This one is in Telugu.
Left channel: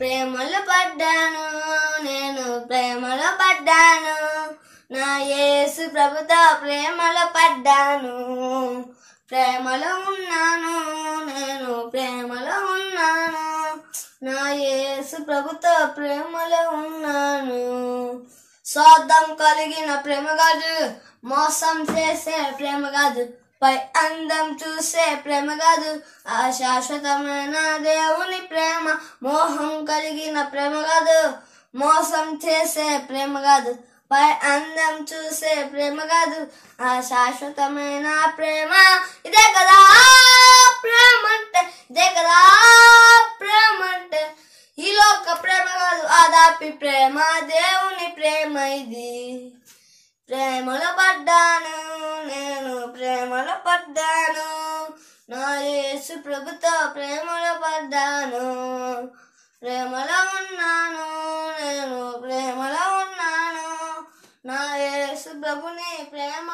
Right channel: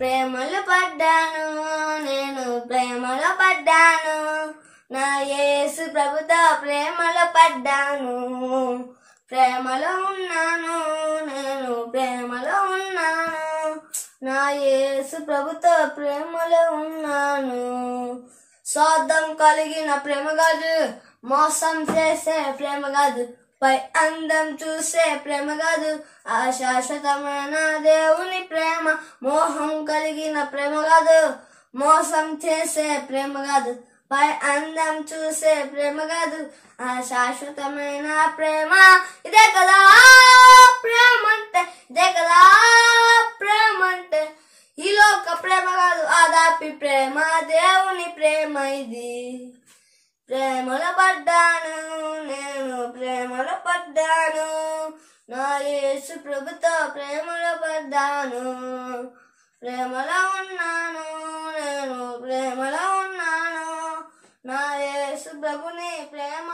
ప్రేమలో పడ్డాను, నేను ప్రేమలో పడ్డాను, నా యేసు ప్రభుతో ప్రేమలో పడ్డాను. ప్రేమలో ఉన్నాను, నేను ప్రేమలో ఉన్నాను, నా యేసు ప్రభుతో ప్రేమలో ఉన్నాను. స్వార్థం కలిగిన ప్రేమ కాదు, మోసం చేసే ప్రేమ కాదు, పై అందం చూసే ప్రేమ కాదు, ఆ శాశ్వతమైన దేవుని ప్రేమ. మోహం కలిగిన ప్రేమ కాదు, మోసం చేసే ప్రేమ కాదు, పై అందం చూసే ప్రేమ కాదు, ఆ శాశ్వతమైన ప్రేమ. ఇదే కదా ప్రేమ అంటే, ఇదే కదా ప్రేమ అంటే. ఈ లోక ప్రేమ కాదు, ఆదాపి ప్రేమ, దేవుని ప్రేమ ఇది. ప్రేమలో పడ్డాను, నేను ప్రేమలో పడ్డాను, నా యేసు ప్రభుతో ప్రేమలో పడ్డాను. ప్రేమలో ఉన్నాను, నేను ప్రేమలో ఉన్నాను, నా యేసు ప్రభుని ప్రేమ